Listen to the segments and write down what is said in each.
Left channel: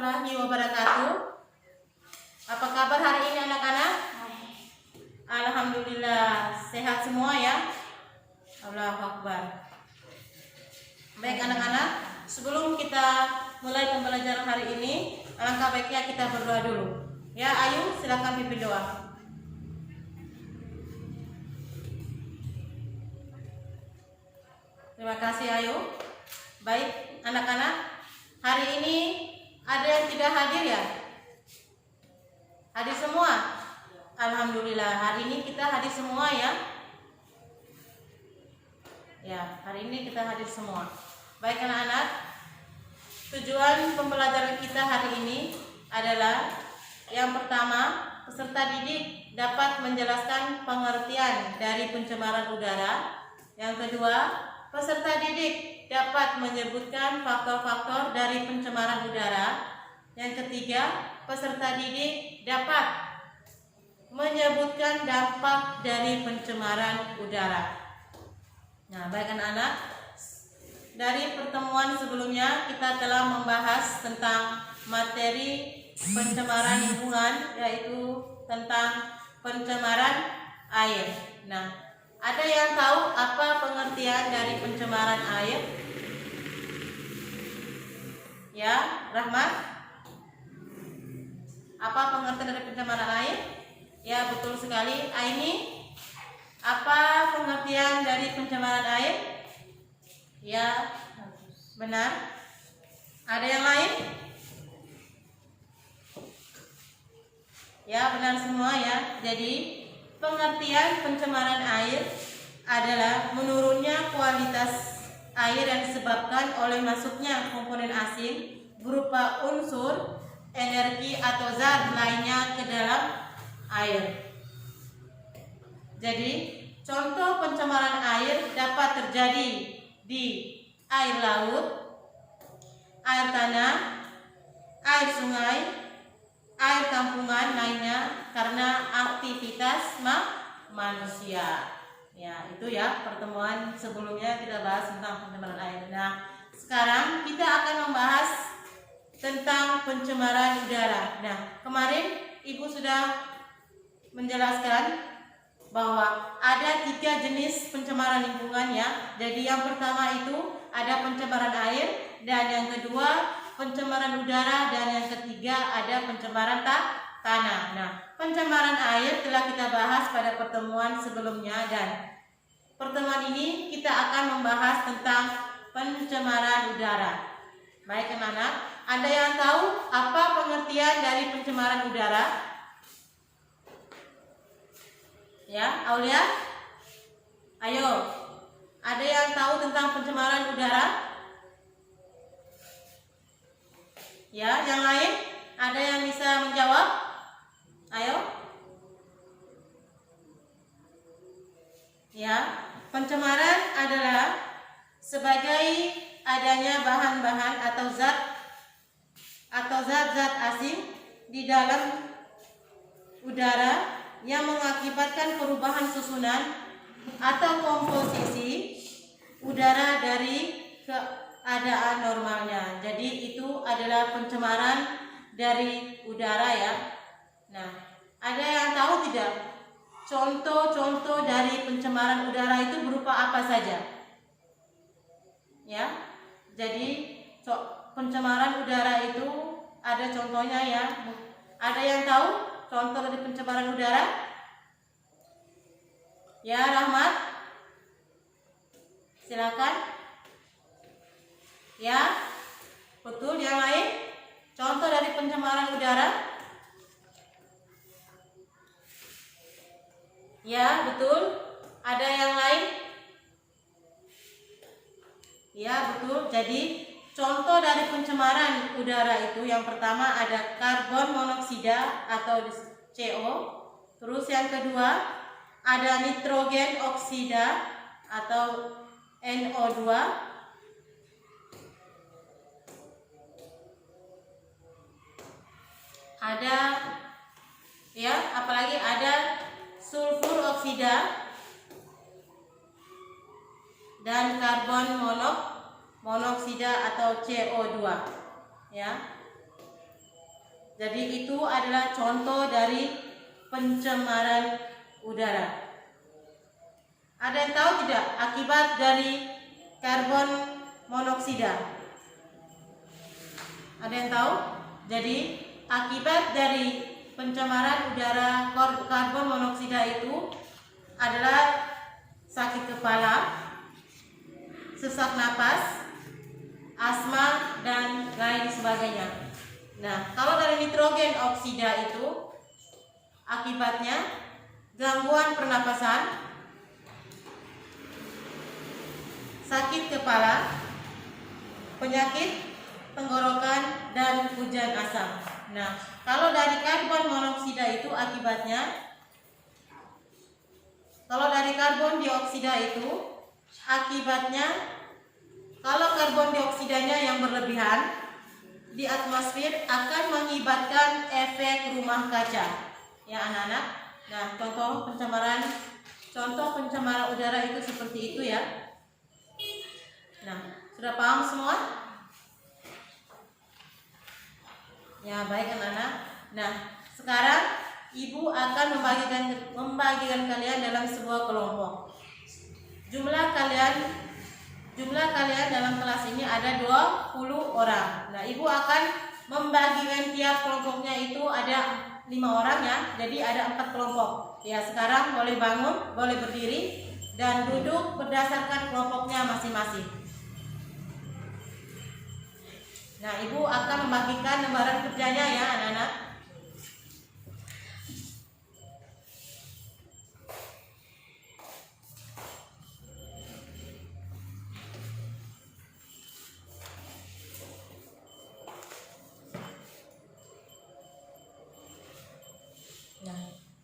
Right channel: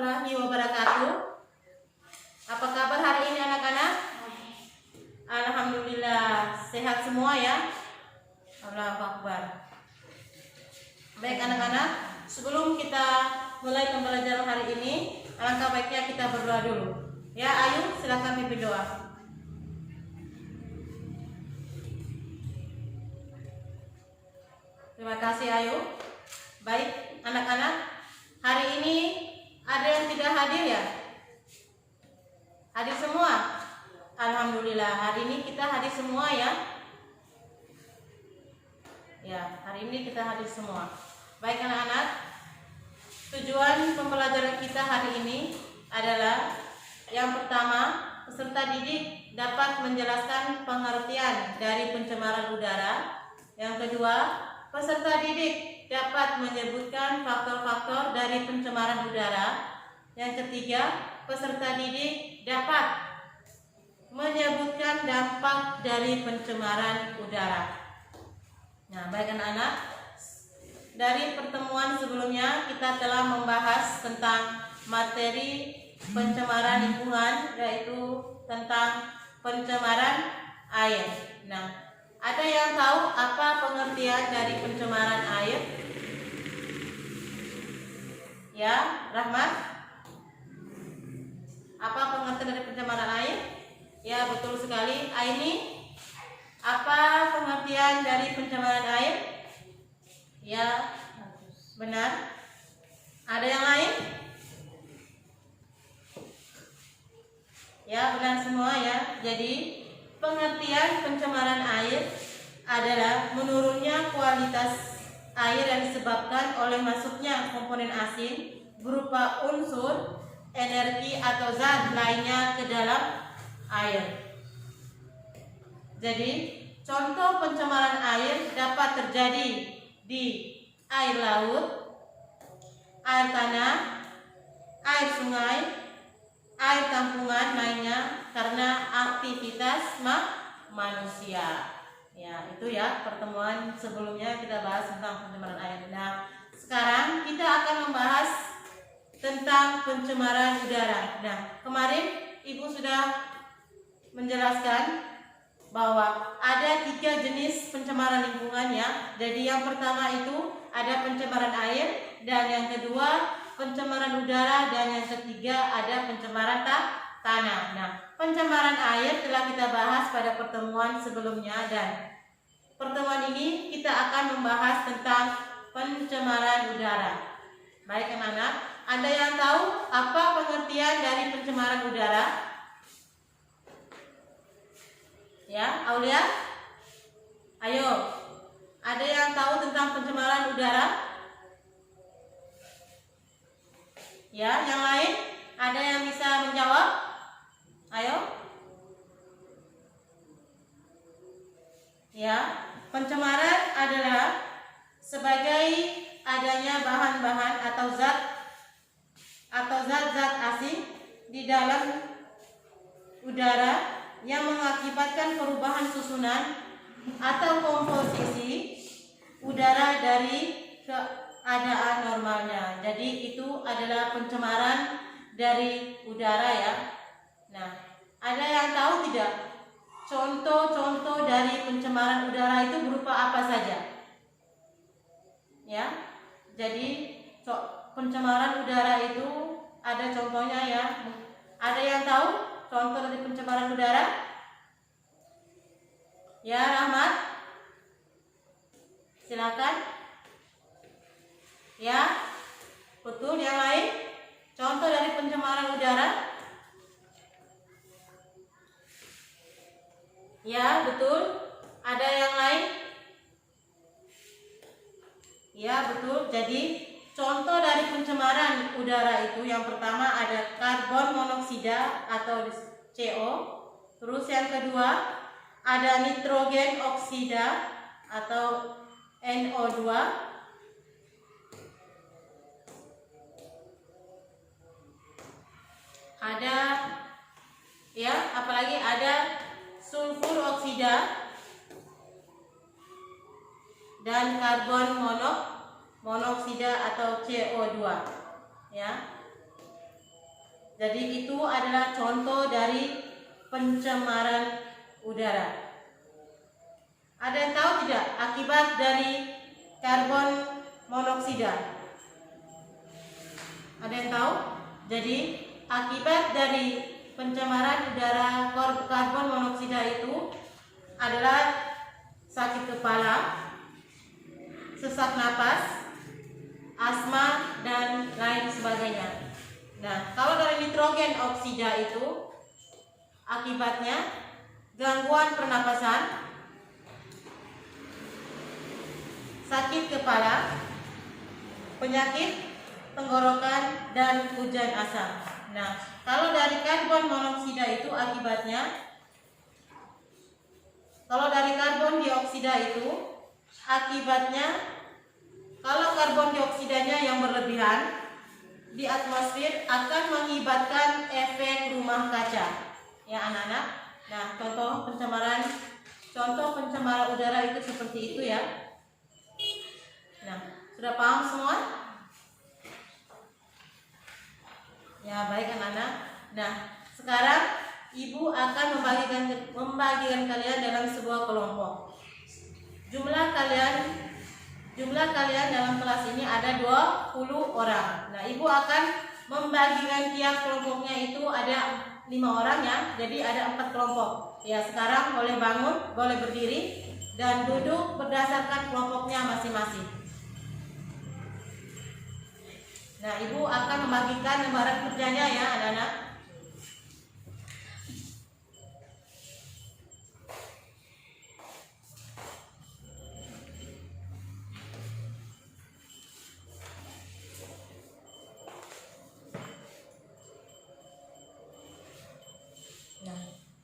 warahmatullahi wabarakatuh. Apa kabar hari ini anak-anak? Alhamdulillah sehat semua ya. Allahu Akbar. Baik anak-anak, sebelum kita mulai pembelajaran hari ini, alangkah baiknya kita berdoa dulu. Ya, Ayu silakan pimpin doa. Terima kasih Ayu. Baik anak-anak, hari ini ada yang tidak hadir ya? Hadir semua? Alhamdulillah, hari ini kita hadir semua ya. Ya, hari ini kita hadir semua. Baik anak-anak, tujuan pembelajaran kita hari ini adalah yang pertama, peserta didik dapat menjelaskan pengertian dari pencemaran udara. Yang kedua, peserta didik dapat menyebutkan faktor-faktor dari pencemaran udara. Yang ketiga, peserta didik dapat menyebutkan dampak dari pencemaran udara. Nah, baik anak-anak, dari pertemuan sebelumnya kita telah membahas tentang materi pencemaran lingkungan, yaitu tentang pencemaran air. Nah, ada yang tahu apa pengertian dari pencemaran air? Ya, Rahmat? Apa pengertian dari pencemaran air? Ya, betul sekali. Aini, apa pengertian dari pencemaran air? Ya, benar. Ada yang lain? Ya, benar semua ya. Jadi, pengertian pencemaran air adalah menurunnya kualitas air yang disebabkan oleh masuknya komponen asing berupa unsur, energi atau zat lainnya ke dalam air. Jadi, contoh pencemaran air dapat terjadi di air laut, air tanah, air sungai, air tampungan lainnya karena aktivitas manusia. Ya, itu ya pertemuan sebelumnya kita bahas tentang pencemaran air. Nah, sekarang kita akan membahas tentang pencemaran udara. Nah, kemarin Ibu sudah menjelaskan bahwa ada 3 jenis pencemaran lingkungan ya. Jadi yang pertama itu ada pencemaran air, dan yang kedua pencemaran udara, dan yang ketiga ada pencemaran tanah. Nah, pencemaran air telah kita bahas pada pertemuan sebelumnya, dan pertemuan ini kita akan membahas tentang pencemaran udara. Baik anak-anak, ada yang tahu apa pengertian dari pencemaran udara? Ya, Aulia? Ayo. Ada yang tahu tentang pencemaran udara? Ya, yang lain? Ada yang bisa menjawab? Ayo. Ya, pencemaran adalah sebagai adanya bahan-bahan atau zat-zat asing di dalam udara yang mengakibatkan perubahan susunan atau komposisi udara dari keadaan normalnya. Jadi itu adalah pencemaran dari udara ya. Nah, ada yang tahu tidak? Contoh-contoh dari pencemaran udara itu berupa apa saja? Ya. Jadi pencemaran udara itu ada contohnya ya. Ada yang tahu contoh dari pencemaran udara? Ya, Rahmat. Silakan. Ya. Betul, yang lain? Contoh dari pencemaran udara? Ya, betul. Ada yang lain? Ya, betul. Jadi contoh dari pencemaran udara itu yang pertama ada karbon monoksida atau CO. Terus yang kedua ada nitrogen oksida atau NO2. Ada ya, apalagi ada sulfur oksida dan karbon monoksida atau CO2 ya. Jadi itu adalah contoh dari pencemaran udara. Ada yang tahu tidak akibat dari karbon monoksida? Ada yang tahu? Jadi akibat dari pencemaran udara karbon monoksida itu adalah sakit kepala, sesak napas, asma, dan lain sebagainya. Nah, kalau dari nitrogen oksida itu akibatnya gangguan pernapasan, sakit kepala, penyakit tenggorokan, dan hujan asam. Nah, kalau dari karbon monoksida itu akibatnya, kalau dari karbon dioksida itu akibatnya, kalau karbon dioksidanya yang berlebihan di atmosfer akan mengakibatkan efek rumah kaca. Ya anak-anak. Nah, contoh pencemaran udara itu seperti itu ya. Nah, sudah paham semua? Ya, baik anak-anak. Nah, sekarang Ibu akan membagikan kalian dalam sebuah kelompok. Jumlah kalian dalam kelas ini ada 20 orang. Nah, Ibu akan membagikan tiap kelompoknya itu ada 5 orang ya. Jadi ada 4 kelompok. Ya, sekarang boleh bangun, boleh berdiri dan duduk berdasarkan kelompoknya masing-masing. Nah, Ibu akan membagikan lembaran kerjanya ya, anak-anak.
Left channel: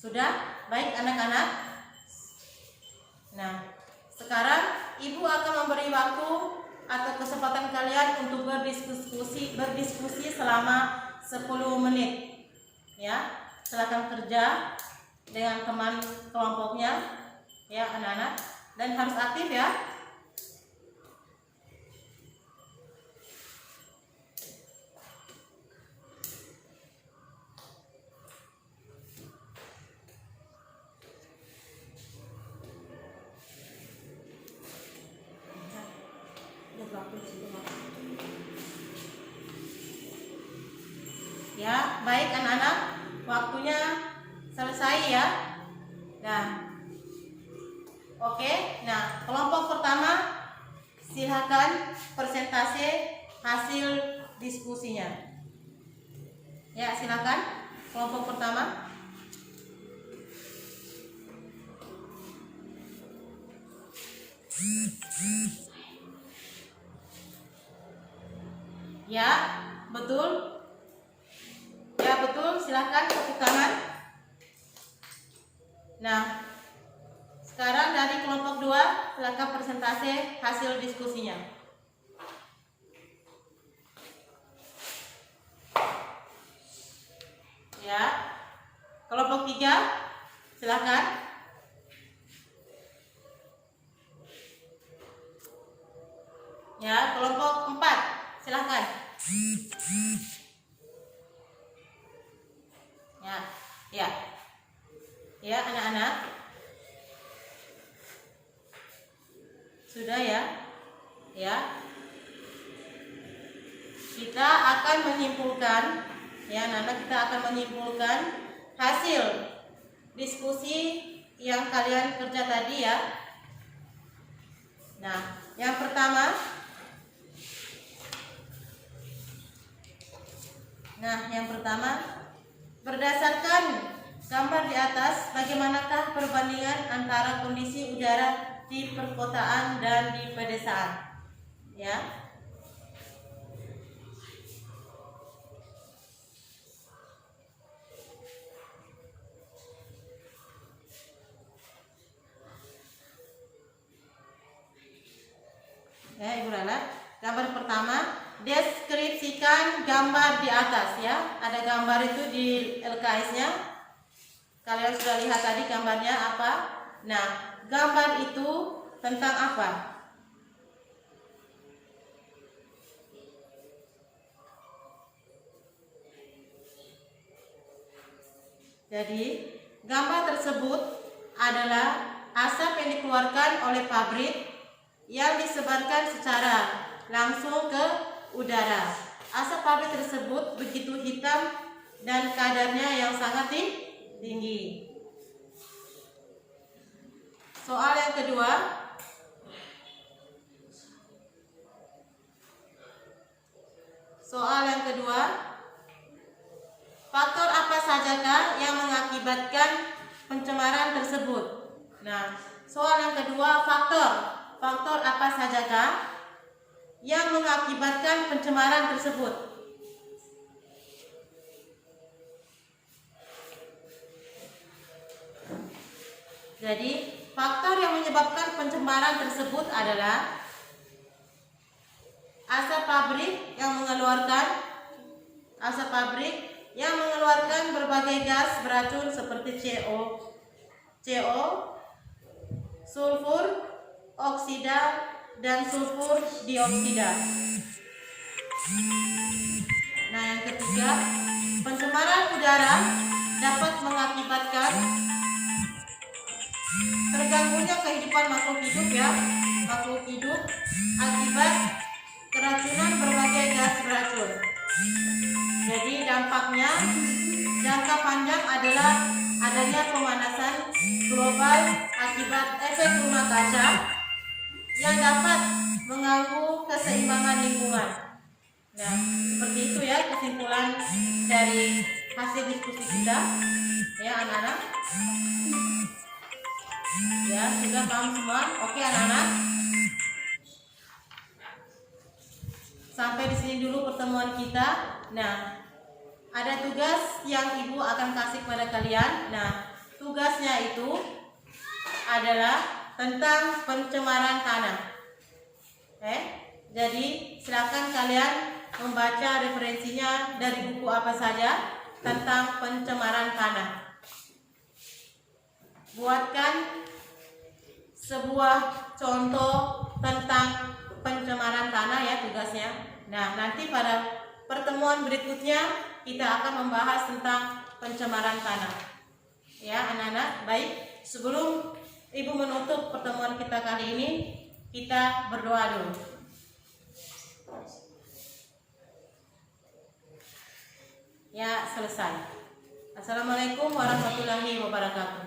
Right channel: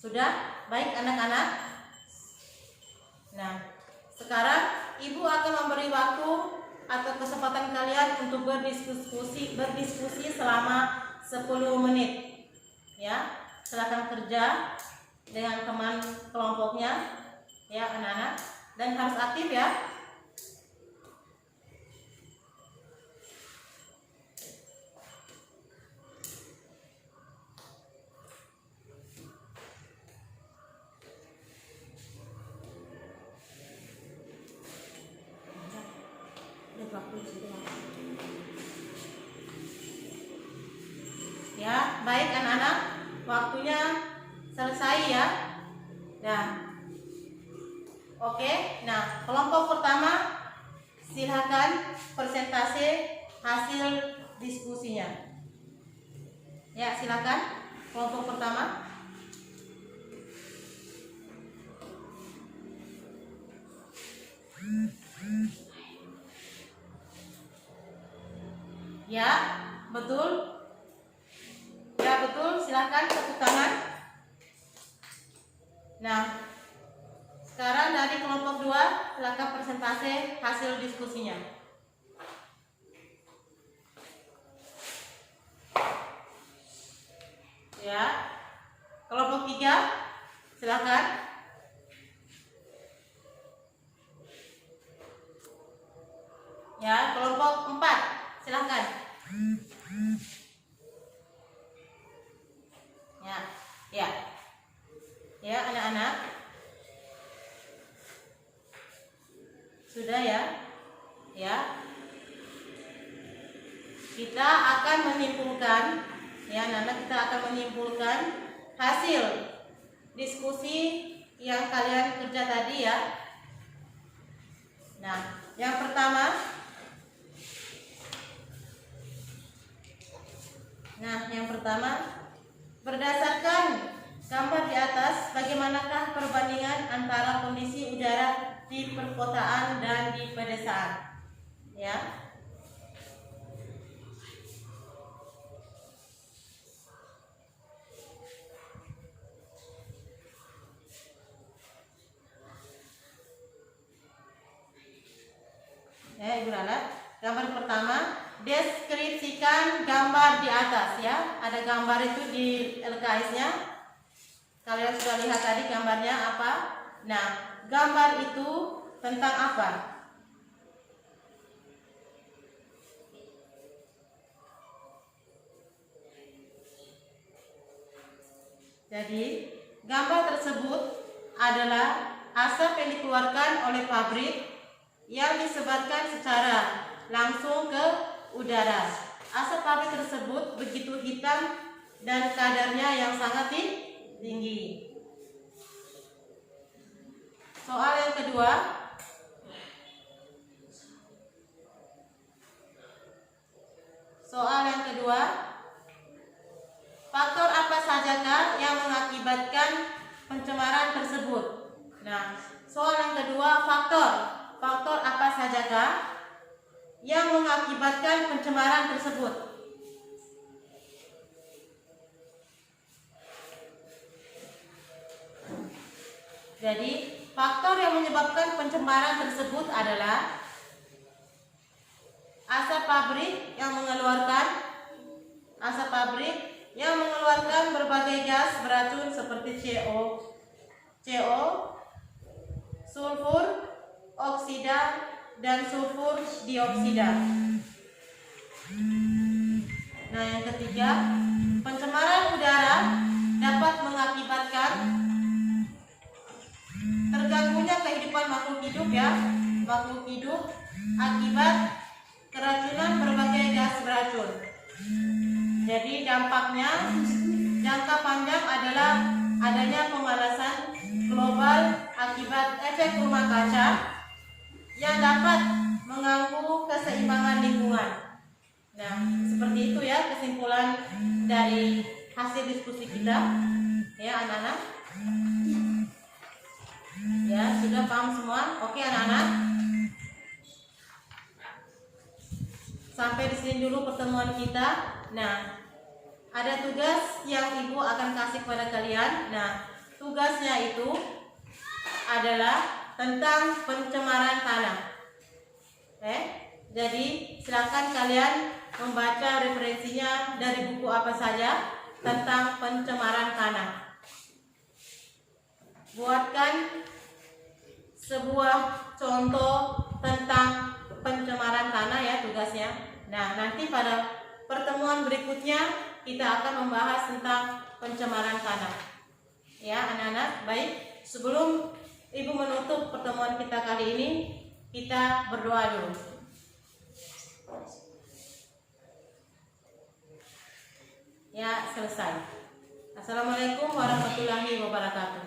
Sudah? Baik anak-anak. Nah, sekarang Ibu akan memberi waktu atau kesempatan kalian untuk berdiskusi selama 10 menit. Ya, silakan kerja dengan teman kelompoknya ya anak-anak, dan harus aktif ya. Ya, baik anak-anak, waktunya selesai ya. Nah, oke. Nah, kelompok pertama silakan persentase hasil diskusinya. Ya, silakan kelompok pertama. Ya, betul. Ya, betul. Silakan tepuk tangan. Nah, sekarang dari kelompok 2 silakan persentase hasil diskusinya. Ya. Kelompok 3 silakan. Ya, kelompok 4 silakan. Ya anak-anak, sudah ya. Kita akan menyimpulkan ya, kita akan menyimpulkan hasil diskusi yang kalian kerja tadi ya. Nah, yang pertama, berdasarkan gambar di atas, bagaimanakah perbandingan antara kondisi udara di perkotaan dan di pedesaan? Ya. Ya, Ibu Lala. Gambar pertama, deskripsikan gambar di atas ya. Ada gambar itu di LKS-nya. Kalian sudah lihat tadi gambarnya apa? Nah, gambar itu tentang apa? Jadi, gambar tersebut adalah asap yang dikeluarkan oleh pabrik yang disebarkan secara langsung ke udara. Asap pabrik tersebut begitu hitam dan kadarnya yang sangat tinggi. Soal yang kedua. Faktor apa sajakah yang mengakibatkan pencemaran tersebut? Nah, soal yang kedua, faktor apa sajakah yang mengakibatkan pencemaran tersebut? Jadi, faktor yang menyebabkan pencemaran tersebut adalah asap pabrik yang mengeluarkan berbagai gas beracun seperti CO, sulfur oksida, dan sulfur dioksida. Nah, yang ketiga, pencemaran udara dapat mengakibatkan terganggunya kehidupan makhluk hidup akibat keracunan berbagai gas beracun. Jadi dampaknya jangka panjang adalah adanya pemanasan global akibat efek rumah kaca yang dapat mengganggu keseimbangan lingkungan. Nah, seperti itu ya kesimpulan dari hasil diskusi kita, ya anak-anak. Ya, sudah paham semua? Oke anak-anak. Sampai di sini dulu pertemuan kita. Nah, ada tugas yang Ibu akan kasih kepada kalian. Nah, tugasnya itu adalah tentang pencemaran tanah. Jadi silakan kalian membaca referensinya dari buku apa saja tentang pencemaran tanah. Buatkan sebuah contoh tentang pencemaran tanah ya tugasnya. Nah, nanti pada pertemuan berikutnya kita akan membahas tentang pencemaran tanah. Ya, anak-anak, baik. Sebelum Ibu menutup pertemuan kita kali ini, kita berdoa dulu. Ya, selesai. Assalamualaikum warahmatullahi wabarakatuh.